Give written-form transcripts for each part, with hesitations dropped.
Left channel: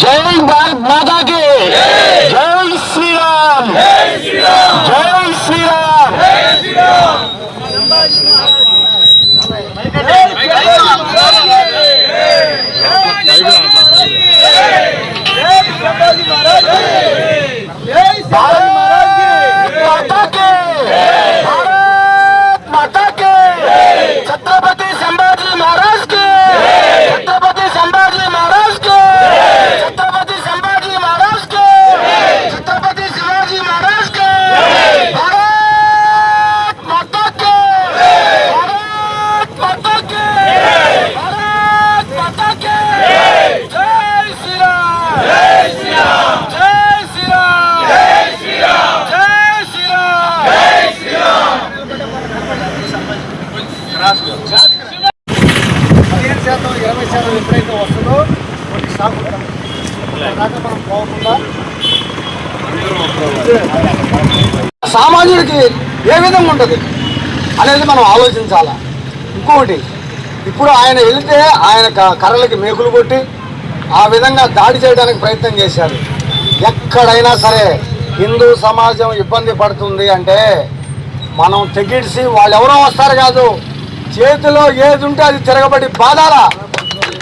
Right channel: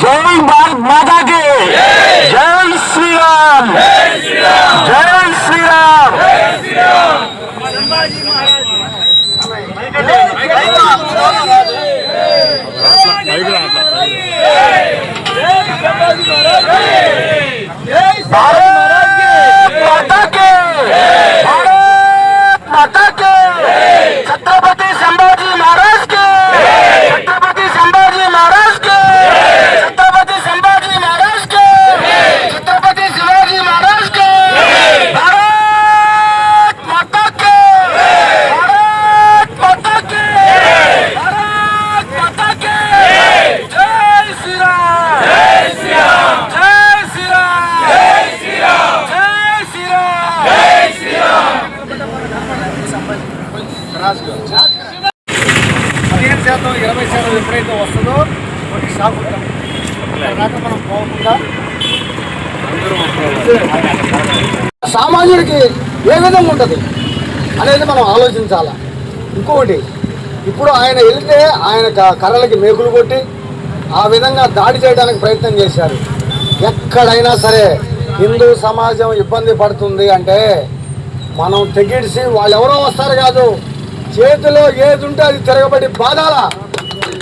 జై భారత్ మాతా కి జై శ్రీరామ్ జై శ్రీరామ్ भारत माता के भारत माता के छत्रपति संभाजी महाराज के छत्रपति संभाजी महाराज के छत्रपति संभाजी महाराज के छत्रपति शिवाजी महाराज के भारत माता के भारत माता के भारत माता के जय श्री राम जय श्री राम जय श्री राम जय श्री राम जय श्री राम जय श्री राम 15% 20% ఎప్పుడైతే వస్తుందో కొన్ని షాక్ ఉంటాం దాకా మనం పోకుండా సామాన్యుడికి ఏ విధంగా ఉంటుంది అనేది మనం ఆలోచించాలా. ఇంకొకటి ఇప్పుడు ఆయన వెళితే ఆయన కర్రలకి మేకులు కొట్టి ఆ విధంగా దాడి చేయడానికి ప్రయత్నం చేశారు. ఎక్కడైనా సరే హిందూ సమాజం ఇబ్బంది పడుతుంది అంటే మనం తెగిడిసి వాళ్ళు ఎవరో వస్తారు కాదు, చేతిలో ఏది ఉంటే అది తిరగబడి బాధాలా,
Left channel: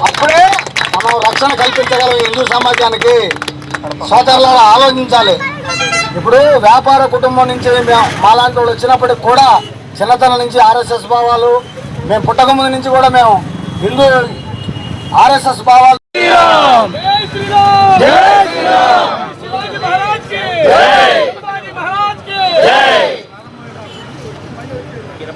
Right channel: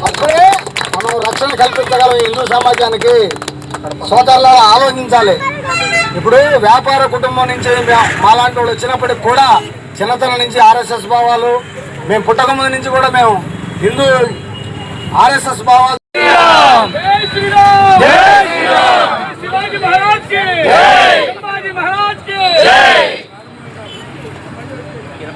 అప్పుడే మనం రక్షణ కల్పించగలం హిందూ సమాజానికి. సోదరులారా ఆలోచించాలి. ఇప్పుడు వ్యాపార కుటుంబం నుంచి మాలాంటి వాళ్ళు వచ్చినప్పటికి కూడా చిన్నతనం నుంచి ఆర్ఎస్ఎస్ భావాలు, మేము పుట్టకముందు నుంచి కూడా మేము హిందూ ఆర్ఎస్ఎస్ భావాలు.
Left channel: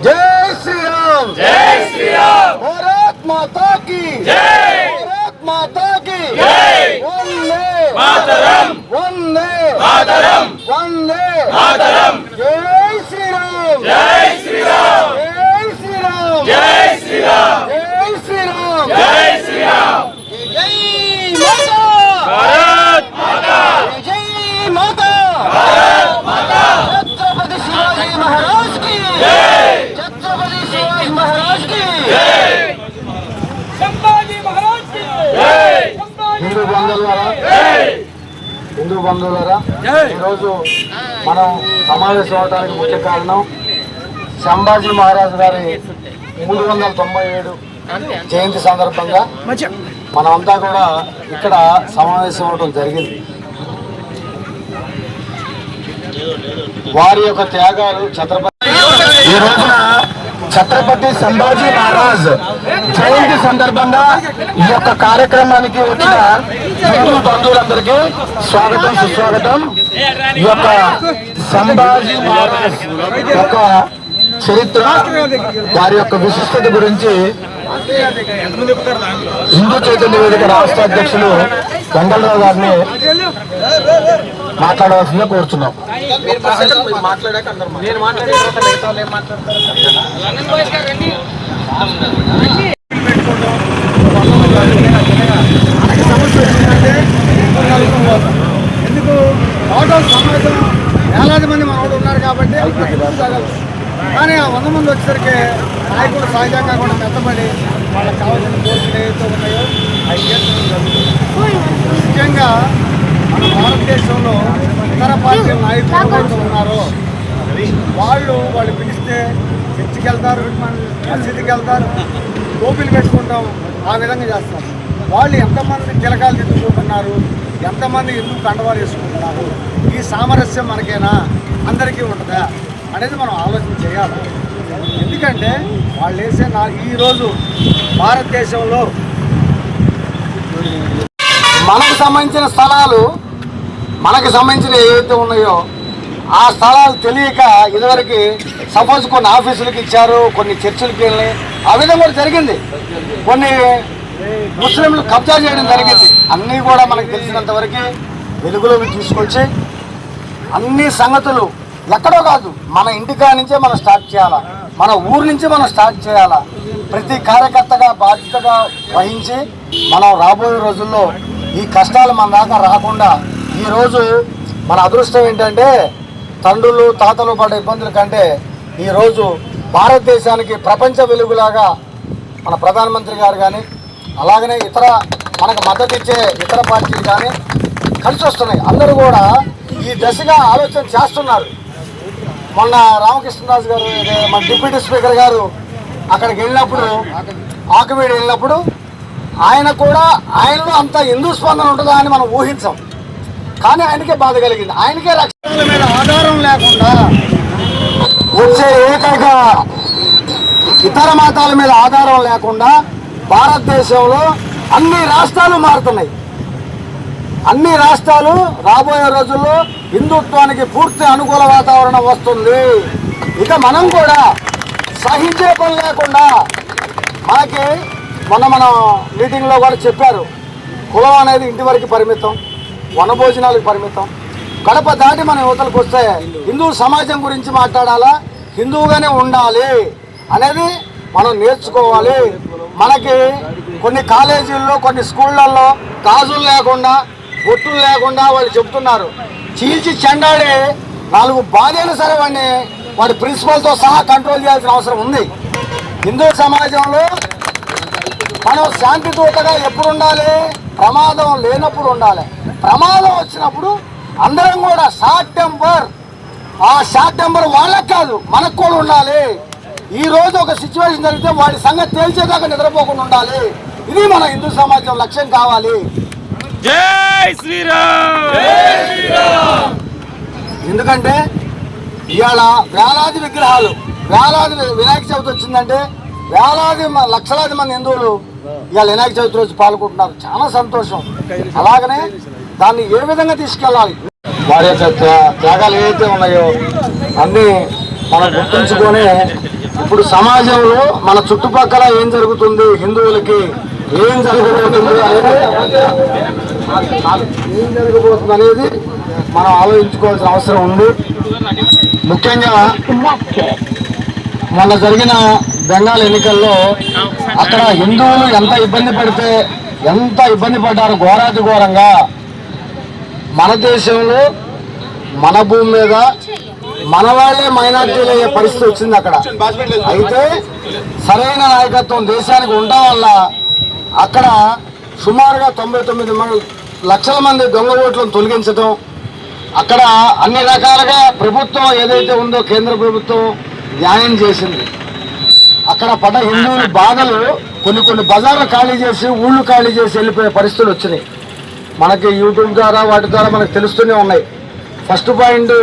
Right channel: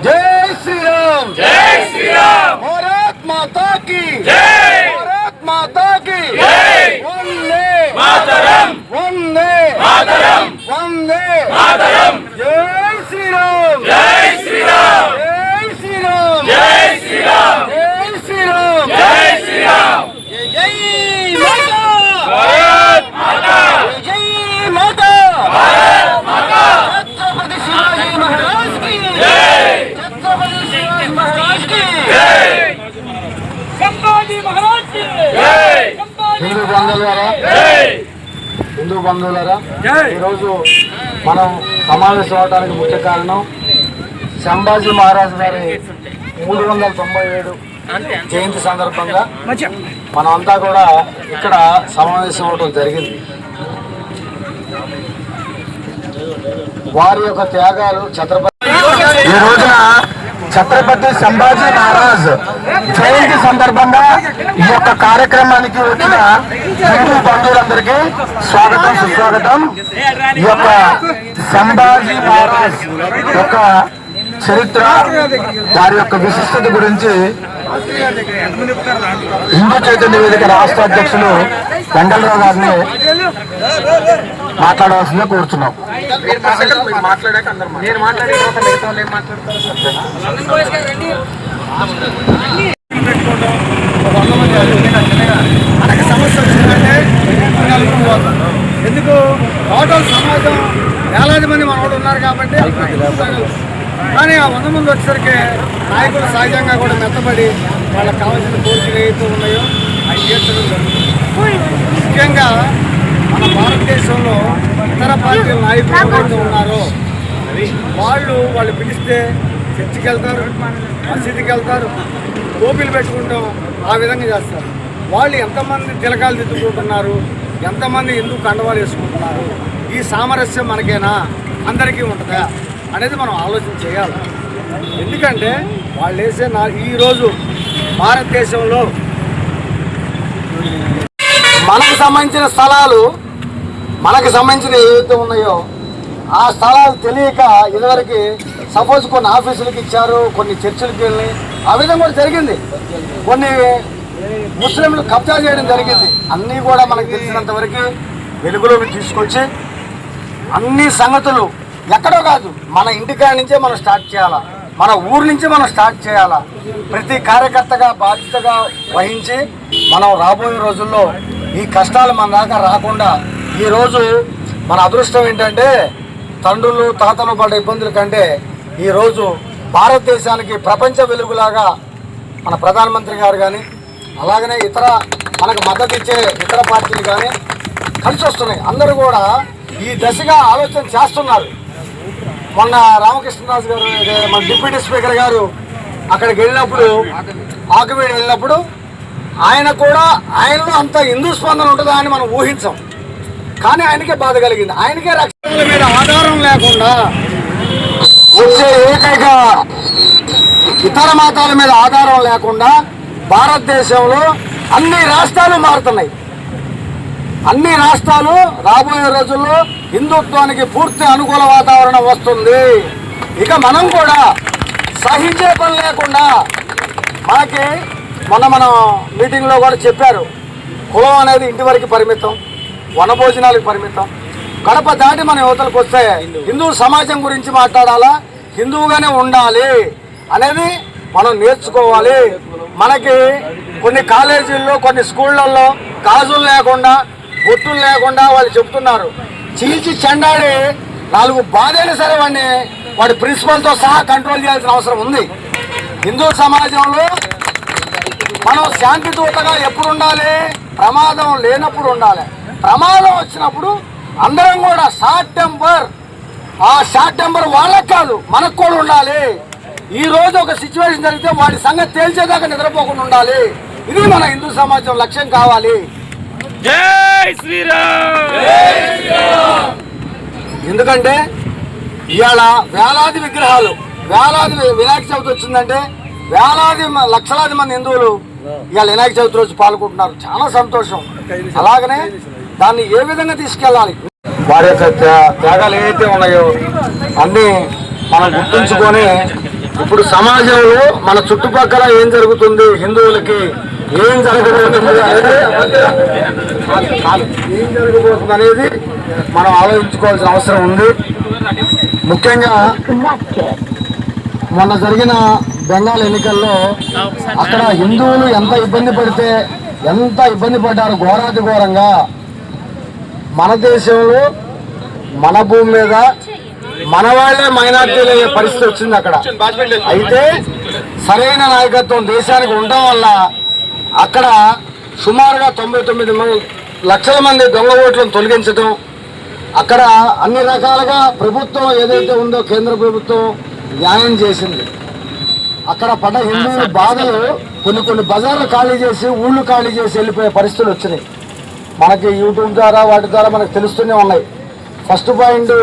जय श्री राम जय श्री राम भारत माता की जय भारत माता की जय वंदे मातरम वंदे मातरम वंदे मातरम जय श्री राम जय श्री राम जय श्री राम जय श्री राम जय श्री राम जय श्री राम जय माता भारत माता जय माता भारत माता छत्रपति शिवाजी महाराज की जय హిందూ బంధువులరా, ఈరోజు మనం సమావేశం అవడానికి ముఖ్య కారణం సంభాజీ మహారాజు గారి 397 జయంతి సందర్భంగా మనమంతా కూడా ఇక్కడ సమావేశం అవడం జరిగింది. వారి యొక్క త్యాగాలు ఈ రోజున ఛత్రపతి సంభాజీ మహారాజ్ జయంతి సందర్భంగా ఈ యొక్క కార్యక్రమానికి వచ్చిన హిందూ బంధువులందరికీ స్వాగతం సుస్వాగతం. ఈ యొక్క సంభాజీ మహారాజ్ యొక్క చరిత్ర, వారి యొక్క విశిష్టత గురించి హిందూ చైతన్య వేదిక రాష్ట్ర అధ్యక్షులు వెంకటరావు గారిని మాట్లాడవలసిందిగా కోరుతున్నాం. మనకి సమస్య వచ్చిందంటే పోతాం. ఎందుకు టోటల్ సమాజం వేలాది మంది మనోడు ఉన్నారు కాబట్టి. కానీ ఆ 100 మంది వచ్చేసరికి నాయకులు సహజంగా కూడా మెత్తబడి వాళ్ళకి కావాల్సిన కోరికలు ఏవైతే ఉన్నాయో అవి తీర్చడం జరుగుతుంది. ముఖ్యంగా మన భారతదేశంలో ఇతర పార్టీల నాయకులు ఎవరైతే ఉన్నారో వాళ్ళు పిలిస్తే చర్చికి వెళ్తారు, మసీదుకి వెళ్తారు, టోపీలు పెట్టుకుంటాం, ఆ విధంగా చేస్తారు. వాళ్ళు ఎంతమంది తిలకాలు దిద్దుకుంటున్నారు, ఎంతమంది హిందూ కండవాలు వేసుకుంటున్నారు, ఈ సామరస్యం మనకేనా, అందరికీ ఉంటుందా అనేది మనం ఆలోచన చేయాలి. ఎందుకంటే వాళ్ళు వేసే ఈరోజు భారతదేశంలో మనకు సంబంధించిన స్థలాలు, మనకు సంబంధించిన ఏవైతే ఉన్నాయో ఆ స్థలాలు తెలియక ఇదివరకు సపోజ్ కొన్ని ఆఫీసులకు ఇచ్చారు, కొన్ని చర్చిలకు వెళ్ళి ఆ విధంగా కూడా జరిగింది. కొన్ని ముస్లింలు కబ్జా చేయడం జరిగింది. అన్నీ కూడా మనకు తెలిసినంత వరకు వెలుగులోకి తీసుకొచ్చి అన్ని సంగతులు ఎక్కడో కాదు, మన ఇంటికాడ నుంచే మనం స్టార్ట్ చేయాలా, మన ఊరు నుంచి మనం స్టార్ట్ చేయాలా. ప్రతి కార్యకర్తగా బాధ్యతగా వహించి మనం రాబోయే రోజుల్లో ఈ కష్టాలు మన దాకా రాకుండా, ఈరోజు మన అదృష్టం ఏంటంటే తండ్రులు తాతలు పడ్డ ఇబ్బందుల కంటే ఈరోజు భారతదేశానికి ప్రపంచ వెలుగులాగా మన ప్రధానమంత్రి గారు కానీ అలాగనే ఇతర మనకు మద్దతు ఇచ్చే ఇతర పార్టీలు కానీ కలిసి వస్తున్నాయి. అందరూ కూడా ఈ దశగా ఆలోచన చేస్తున్నారు. మొన్న రామకృష్ణరాజు గారు మన డిప్యూటీ స్పీకర్ గారు అక్కడికి వెళ్ళినప్పుడు, ఆకువీడు వెళ్ళినప్పుడు ఆయన కూడా ఆయనలో అంత హిందూ స్పందన ఉంటుందా అని మనం ఊహించాం. కానీ ఆయనకే బాధ కలిగింది. ఆయనకే రక్షణల మీద ఆధారం లేకుండా వచ్చే ఏకైక ఇతర మతాల మీద ఆధారం లేకుండా భారతదేశంలో అన్ని రాష్ట్రాలు మారుతున్నాయి. అన్ని రాష్ట్రాలు రాబోయే రోజుల్లో హిందుత్వానికి పూర్తి అనుకూల వాతావరణం వస్తుంది. ఇక మనం కూడా సహించే పని లేకుండా, మనకి మన మీటింగ్లో కూడా చెప్పారు, కులం అనేది ఇంటి వరకు పరిమితం, వనభోజనాలకు పరిమితం. గడప దాటి మన యువతలకు వస్తే హిందూ సమాజం గురించి మాట్లాడాలా, హిందువుగానే ఉండాలి అనేది మనం నేర్చుకోవాలి. మనకి కొన్ని కాలేజీల్లో, కొన్ని స్కూళ్ళల్లో గాజులు లేకుండా, బొట్టులు లేకుండా వాళ్ళు చెప్తున్నారు. చీల్చి చెండాడి 4 బాధైనా సరే వాడి ప్రిన్సిపల్తో సహా కంట్రోల్ చేయాల్సిన అవసరం ఉంది. హిందూ సమాజంలో మనం శాంతి దూతగా ఎప్పుడు ఉండాలి? ప్రమాదం లేనప్పుడు ఉండాలి. ప్రమాదం వచ్చినప్పుడు అందరం కూడా షార్ట్ టెంపర్, ఆ షార్ట్ టెంపర్ వాళ్ళకి కాదు మనకు కూడా ఉండాలి. ఈ రోజు ఒక సిచ్యువేషన్ జరిగితే వాడి సంగతి తేల్చేదాకా నిద్రపోకుండా ఉండాలి. ఇది మన హిందూ సమాజం లక్ష్యం కావాలి. జై శ్రీరామ్. ఎందుకంటే ఇవాళ వేలాది విగ్రహాలు, వేలాది వినాయక చవితి వచ్చిందంటే వేలాది లక్షలాది మంది హిందువులు ఇవాళ వినాయక చవితి రోజు పాల్గొంటున్నారు. చాలా సంతోషం. అలాగనే దాన్ని ఏ విధంగా తీసుకెళ్ళాలి, వారి యొక్క త్యాగాలు ఏవైతే ఉన్నాయో అన్నీ మనం గుర్తుంచుకొని ఇప్పుడు సమాజంలో మన చుట్టుపక్కల ఏం జరుగుతుంది, హిందువులకి ఏం జరగబోతుంది అనేది మనం ఆలోచించుకోవాల్సిన అవసరం ఉంది. ముఖ్యంగా మొన్న జరిగిన బెంగాల్ ఎన్నికల్లో అక్కడ హిందువులు ఎంత ఇబ్బంది పడ్డారు ఘోరాతి ఘోరంగా. మన దేశంలో మన భూమి మీద మన వాళ్ళే మైనార్టీలు అయ్యే పరిస్థితి వచ్చింది అక్కడ. అయితే సరైన నాయకత్వం దేశానికి ఉండడం వల్ల అక్కడ సుమారుగా 99 లక్షల మంది దొంగ ఓట్లను తొలగించడం, అక్కడ అన్ని రకాలుగా ప్రభుత్వం ఏదైతే ఉందో కేంద్ర ప్రభుత్వం న్యాయం చేసింది. అక్కడ పడ్డ హిందువుల బాధలు కొన్ని బజార్లు ఖాళీ చేసి, ఊళ్ళు ఖాళీ చేసి వెళ్ళిపోయే పరిస్థితులు వచ్చినాయి. మనకి యూట్యూబ్ ద్వారా వాటి ద్వారా మనకు తెలుస్తూనే ఉన్నాయి. ఫస్ట్ పాయింట్,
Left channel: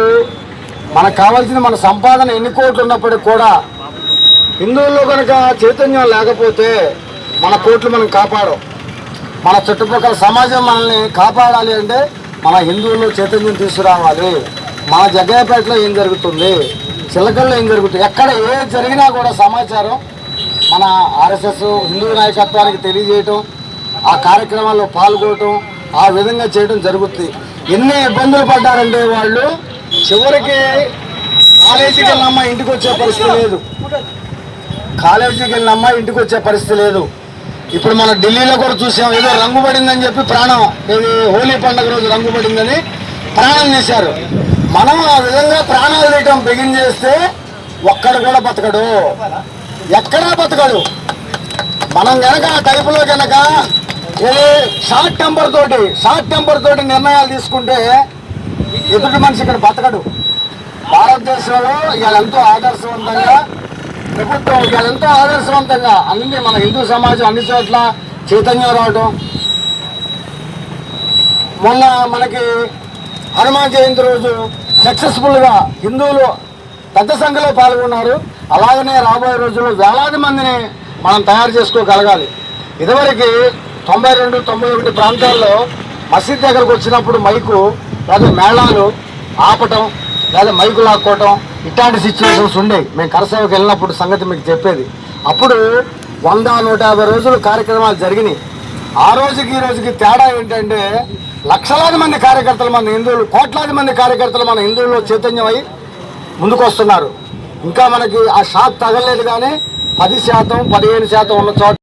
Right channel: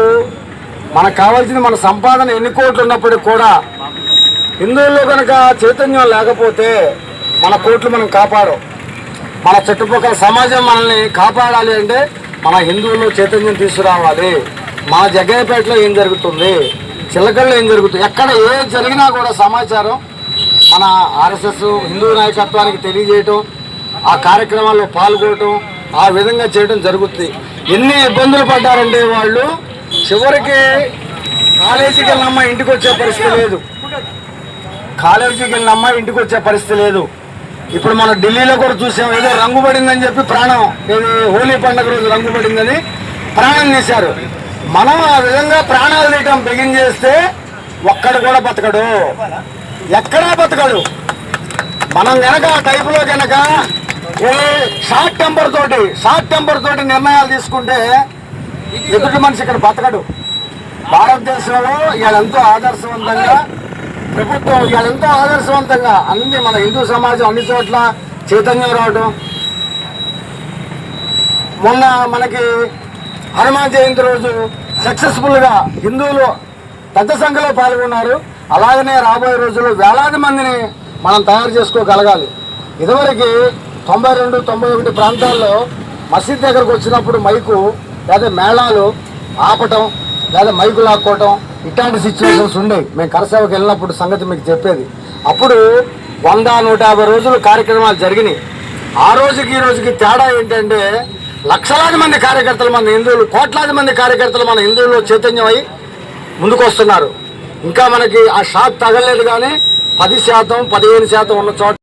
మనకు కావాల్సిన మన సంపాదన ఎన్ని కోట్లు ఉన్నప్పటికీ కూడా హిందువుల్లో కనుక చైతన్యం లేకపోతే మన కోట్లు మనం కాపాడం. మన చుట్టుపక్కల సమాజం మనల్ని కాపాడాలి అంటే మన హిందువుల్లో చైతన్యం తీసుకురావాలి. మన జగ్గయ్యపేటలో ఏం జరుగుతుంది, చిలకల్లో ఏం జరుగుతుంది, ఎక్కడ ఏం జరిగినా కూడా సమాచారం మన ఆర్ఎస్ఎస్ హిందూ నాయకత్వానికి తెలియజేయటం, ఆ కార్యక్రమాల్లో పాల్గొనటం, ఆ విధంగా చేయడం జరుగుతుంది. ఎన్ని ఇబ్బందులు పడ్డారంటే వాళ్ళు చివరికి కాలేజీకి వెళ్ళిన అమ్మాయి ఇంటికి వచ్చే పరిస్థితి లేదు. కాలేజీకి వెళ్ళిన అమ్మాయి ఇంటికి వచ్చే పరిస్థితి లేదు. ఇప్పుడు మనం ఢిల్లీలో కూడా చూసాం, ఏదో రంగు పడిందని చెప్పి ప్రాణం, ఏది హోలీ పండుగ రోజు రంగు పడిందని ప్రాణం తీశారు. మనం ఆ విధంగా ప్రాణాలు తీయటం బిగిన్ చేస్తే ఒక్కడు కూడా బతకడు, ఎక్కడా బతకడు. మనం కనుక ఆ టైపులో కనుక షార్ట్ టెంపర్ తోటి నిర్ణయాలు తీసుకుంటే ఎదుటి మనిషి ఇక్కడ బతకడు. భారతదేశంలో ఇవాళెంతో ఆదర్శవంతంగా ప్రభుత్వం, ఇవాళెంతో ఆదర్శవంతంగా అన్ని మన హిందూ సమాజం అన్ని చోట్ల చైతన్యం రావడం. మొన్న మనకి హనుమాన్ జయంతి రోజు సక్సెస్ఫుల్గా హిందువులు పెద్ద సంఖ్యలో పాల్గొన్నారు. అలాగనే రాబోయే రోజుల్లో వేలాది మందిని మనం తయారు చేసుకోగలగాలి. ఇదివరకు 92, 91 ప్రాంతాల్లో మసీద్ దగ్గరకు వచ్చినప్పుడు మైకు లేదా మేళాలు ఆపటం లేదా మైకు లాక్కోవటం ఇట్లాంటి సిచ్యువేషన్స్ ఉండేవి. మేము కరసేవకు వెళ్ళినప్పుడు సంగతి మీకు చెప్పేది. అప్పుడు 100-150 రోజులు కార్యక్రమాలు జరిగినాయి. ఆ రోజుకి ఈ రోజుకి తేడా ఏంటంటే లక్షలాది మంది కార్యకర్తలు, మన హిందువులు, కోట్లాది మంది కార్యకర్తలు మన హిందువుల్లో చైతన్యం అయి ముందుకు వస్తున్నారు. ఇంకా మనకి ఆ షాక్ తగలేదు, కానీ 10%, 15% ఉన్న చోట